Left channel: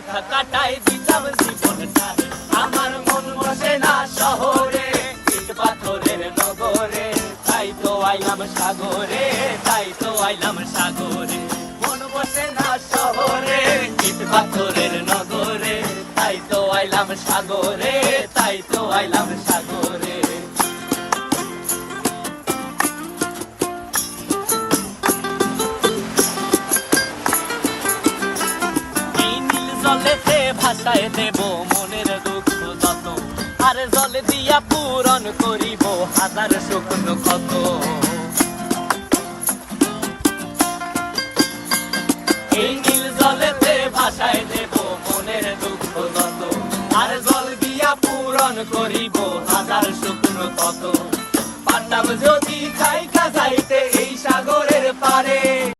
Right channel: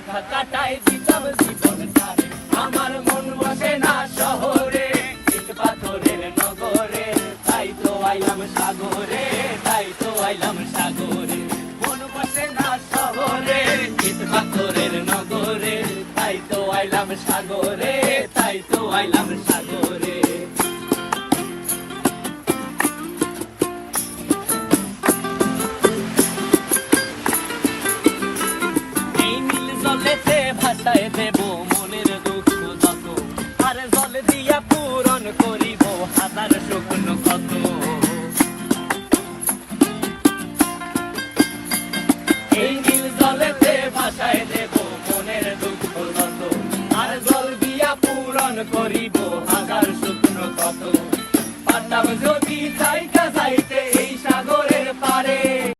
পরীক্ষা কাটাই দিতাম জীবনটারে। আমার মন বসে না শহরে, ইট পাথরের নগরে, তাই তো আইলাম সাগরে, তাই তো আইলাম সাগরে। মন বসে না শহরে, ইট পাথরের নগরে, তাই তো আইলাম সাগরে, তাই তো আইলাম সাগরে। জলেতে ভাসায় দেব মনের দুঃখ যত, আর জল দিয়া পূরণ করিব হাজার স্বপ্ন কত। এই নীল জলেতে ভাসায় দেব মনের দুঃখ যত, আর জল দিয়া পূরণ করিব হাজার স্বপ্ন কত। পারতাম যদি থাইকা যাইতে এই সাগরের